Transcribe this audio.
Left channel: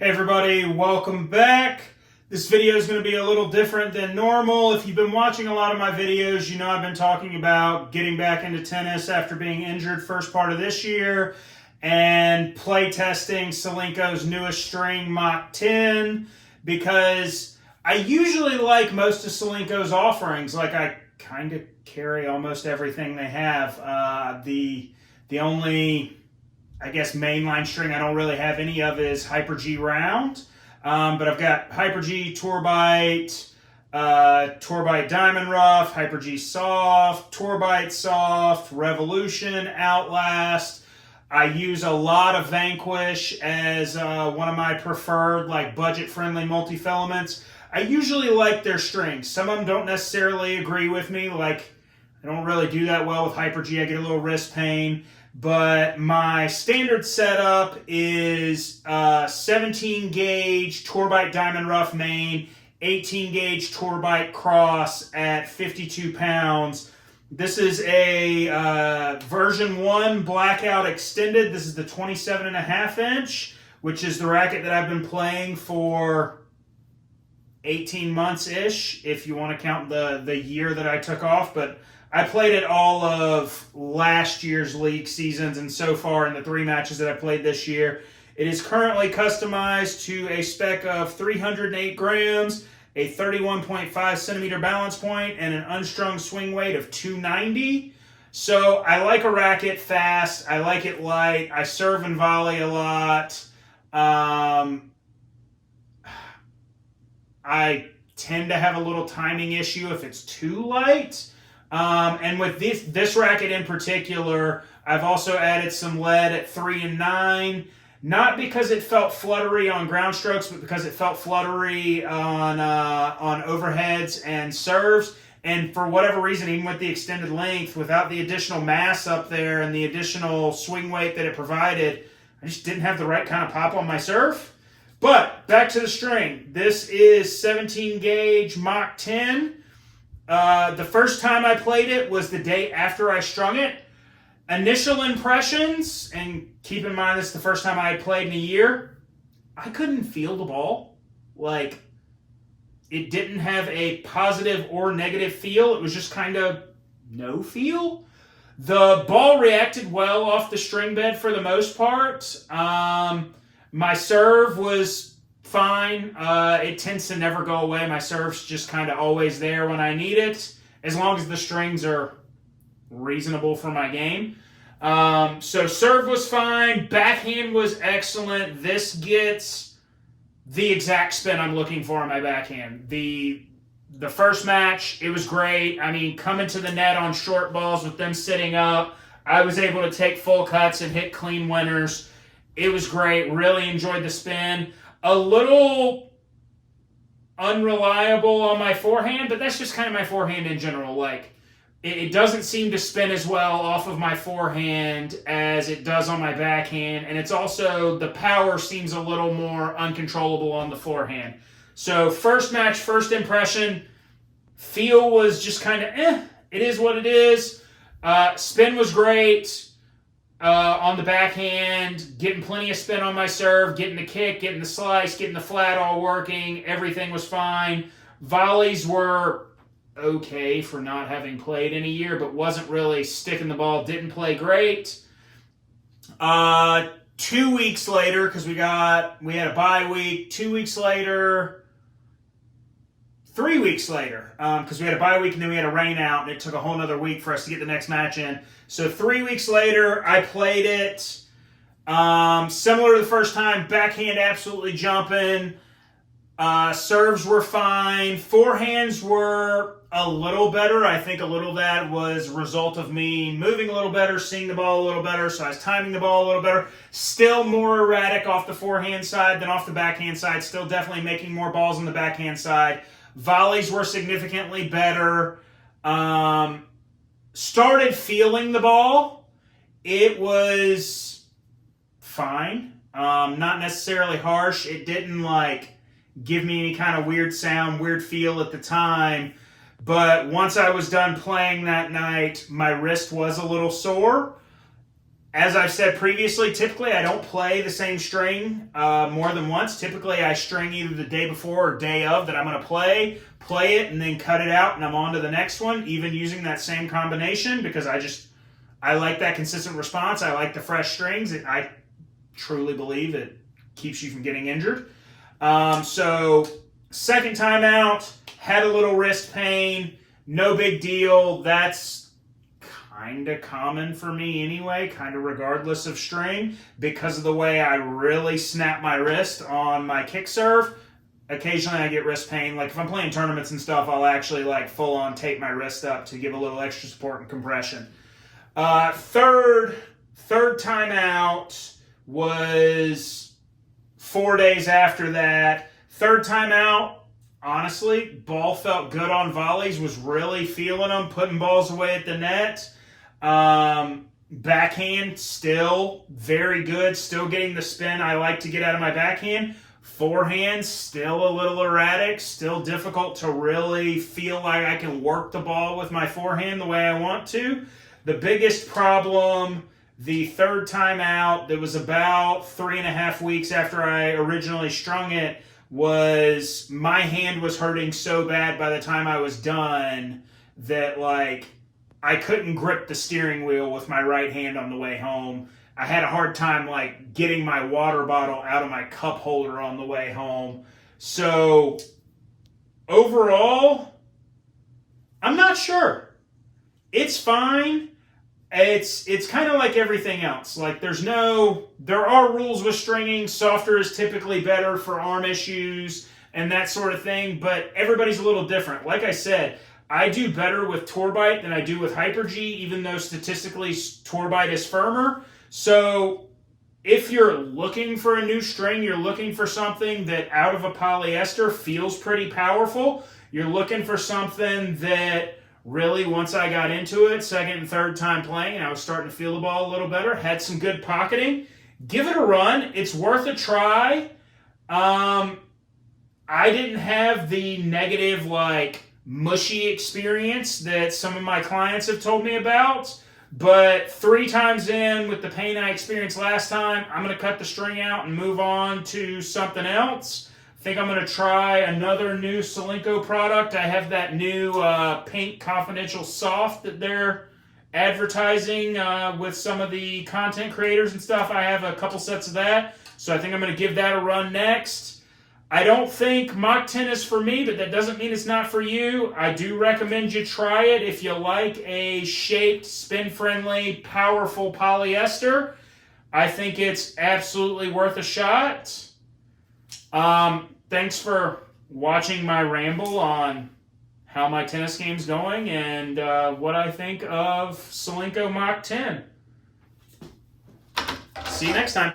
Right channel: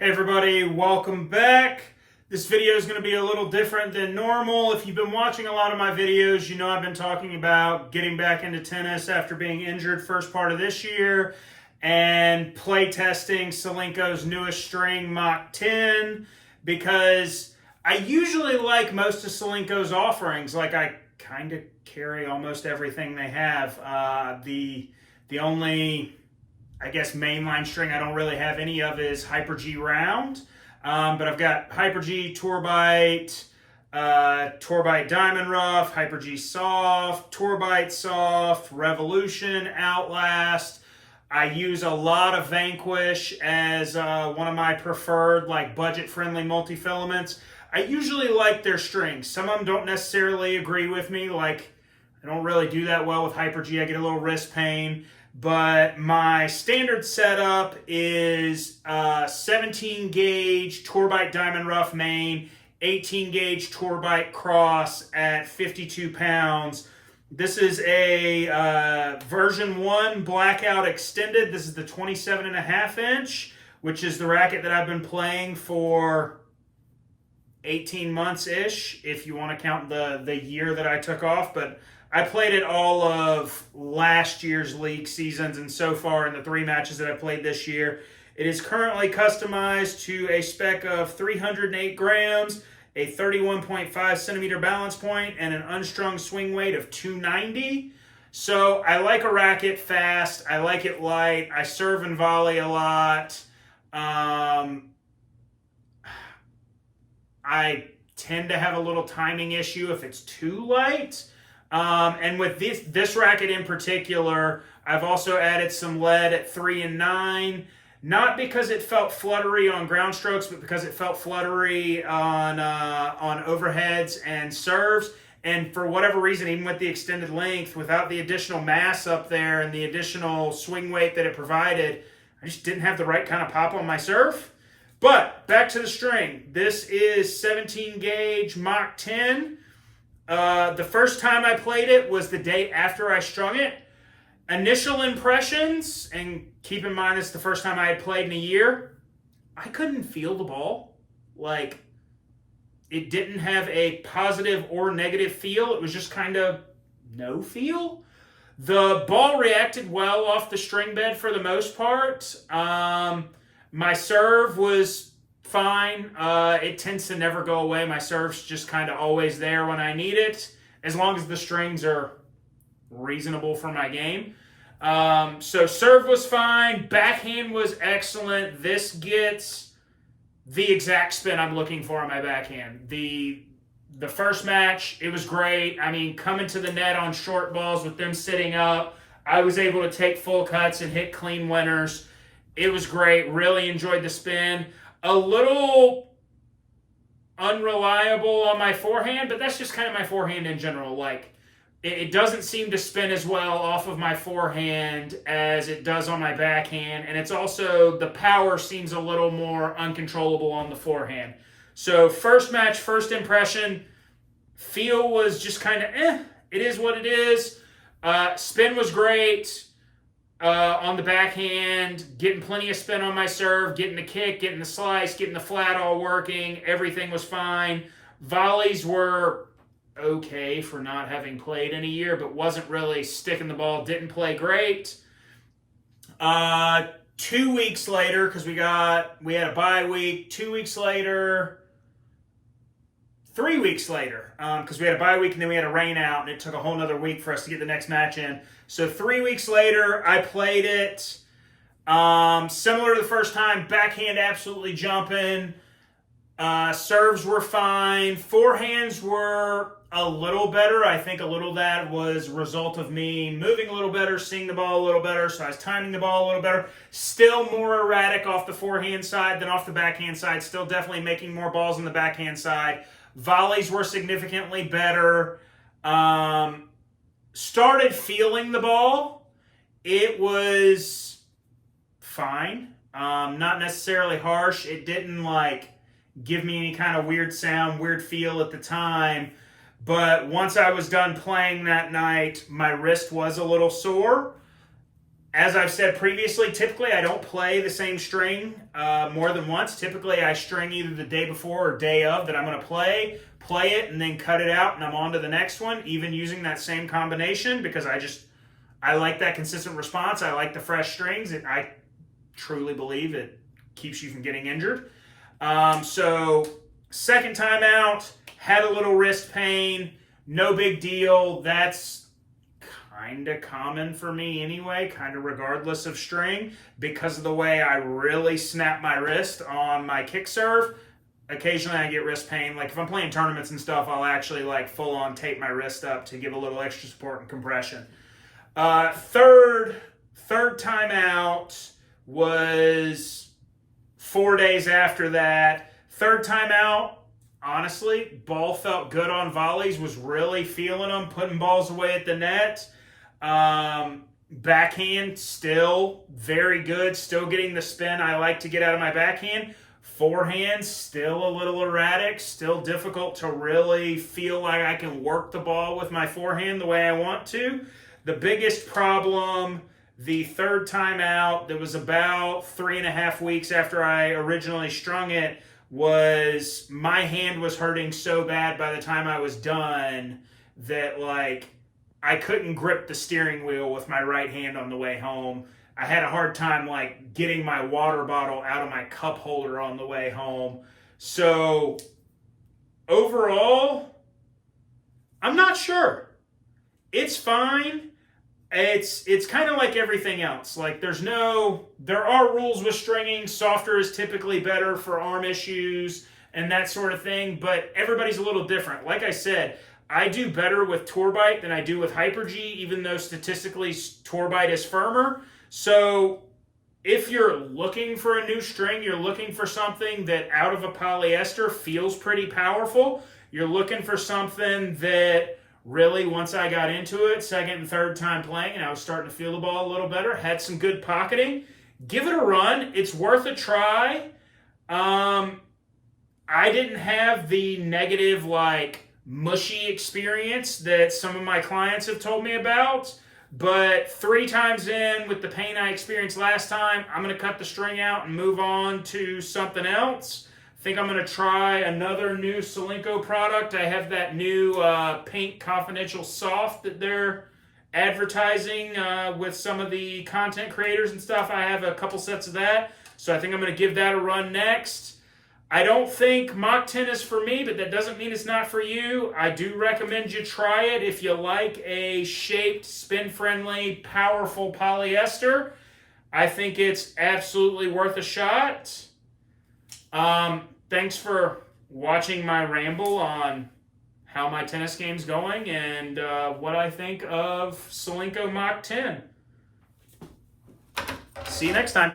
Hey everybody, welcome back. This video is going to be a little different than normal. If you've been watching a lot of my videos, you know I've been talking about getting back into tennis after being injured first part of this year and play testing Solinco's newest string, Mach 10, because I usually like most of Solinco's offerings. Like, I kind of carry almost everything they have. The only, I guess, mainline string I don't really have any of is HyperG Round. But I've got HyperG Tourbite, Tourbite Diamond Rough, HyperG Soft, Tourbite Soft, Revolution, Outlast. I use a lot of Vanquish as one of my preferred, like, budget-friendly multi-filaments. I usually like their strings. Some of them don't necessarily agree with me. Like, I don't really do that well with HyperG. I get a little wrist pain. But my standard setup is 17 gauge Tourbite Diamond Rough main, 18 gauge Tourbite Cross at 52 pounds. This is a version 1 Blackout Extended. This is the 27.5 inch, which is the racket that I've been playing for 18 months-ish, if you want to count the year that I took off. But I played it all of last year's league seasons, and so far in the 3 matches that I played this year. It is currently customized to a spec of 308 grams, a 31.5 centimeter balance point, and an unstrung swing weight of 290. So I like a racket fast. I like it light. I serve and volley a lot. I tend to have a little timing issue if it's too light. And with this racket in particular, I've also added some lead at 3 and 9, not because it felt fluttery on ground strokes, but because it felt fluttery on overheads and serves. And for whatever reason, even with the extended length, without the additional mass up there and the additional swing weight that it provided, I just didn't have the right kind of pop on my serve. But back to the string. This is 17 gauge Mach 10. The first time I played it was the day after I strung it. Initial impressions, and keep in mind this is the first time I had played in a year, I couldn't feel the ball. Like, it didn't have a positive or negative feel. It was just kind of no feel. The ball reacted well off the string bed for the most part. My serve was fine. It tends to never go away. My serve's just kind of always there when I need it, as long as the strings are reasonable for my game. So serve was fine. Backhand was excellent. This gets the exact spin I'm looking for on my backhand. The first match, it was great. I mean, coming to the net on short balls with them sitting up, I was able to take full cuts and hit clean winners. It was great. Really enjoyed the spin. A little unreliable on my forehand, but that's just kind of my forehand in general. Like, it doesn't seem to spin as well off of my forehand as it does on my backhand, and it's also, the power seems a little more uncontrollable on the forehand. So first match, first impression, feel was just kind of it is what it is. Spin was great. On the backhand, getting plenty of spin on my serve, getting the kick, getting the slice, getting the flat all working. Everything was fine. Volleys were okay for not having played in a year, but wasn't really sticking the ball. Didn't play great. 2 weeks later, because we had a bye week. 2 weeks later, 3 weeks later, because we had a bye week and then we had a rain out, and it took a whole nother week for us to get the next match in. So 3 weeks later, I played it. Similar to the first time, backhand absolutely jumping. Serves were fine. Forehands were a little better. I think a little of that was a result of me moving a little better, seeing the ball a little better, so I was timing the ball a little better. Still more erratic off the forehand side than off the backhand side. Still definitely making more balls on the backhand side. Volleys were significantly better. Started feeling the ball. It was fine. Not necessarily harsh. It didn't, like, give me any kind of weird sound, weird feel at the time. But once I was done playing that night, my wrist was a little sore. As I've said previously, typically I don't play the same string more than once. Typically I string either the day before or day of that I'm going to play it, and then cut it out, and I'm on to the next one, even using that same combination, because I like that consistent response. I like the fresh strings. I truly believe it keeps you from getting injured. So second time out, had a little wrist pain, no big deal. That's kind of common for me anyway, kind of regardless of string, because of the way I really snap my wrist on my kick serve. Occasionally I get wrist pain. Like if I'm playing tournaments and stuff, I'll actually like full on tape my wrist up to give a little extra support and compression. Third time out was 4 days after that. Third time out, honestly, ball felt good on volleys, was really feeling them, putting balls away at the net. Backhand, still very good, still getting the spin I like to get out of my backhand. Forehand, still a little erratic, still difficult to really feel like I can work the ball with my forehand the way I want to. The biggest problem the third time out, that was about 3.5 weeks after I originally strung it, was my hand was hurting so bad by the time I was done that like I couldn't grip the steering wheel with my right hand on the way home. I had a hard time like getting my water bottle out of my cup holder on the way home. So overall, I'm not sure. It's fine. It's kind of like everything else. Like there are rules with stringing. Softer is typically better for arm issues and that sort of thing, but everybody's a little different. Like I said, I do better with Tourbite than I do with HyperG, even though statistically Tourbite is firmer. So if you're looking for a new string, you're looking for something that out of a polyester feels pretty powerful, you're looking for something that really, once I got into it, second and third time playing, and I was starting to feel the ball a little better, had some good pocketing, give it a run. It's worth a try. I didn't have the negative, like, mushy experience that some of my clients have told me about, but 3 times in with the pain I experienced last time, I'm going to cut the string out and move on to something else. I think I'm going to try another new Solinco product. I have that new Pink Confidential Soft that they're advertising with some of the content creators and stuff. I have a couple sets of that, so I think I'm going to give that a run next. I don't think Mach 10 is for me, but that doesn't mean it's not for you. I do recommend you try it if you like a shaped, spin-friendly, powerful polyester. I think it's absolutely worth a shot. Thanks for watching my ramble on how my tennis game's going and what I think of Solinco Mach 10. See you next time.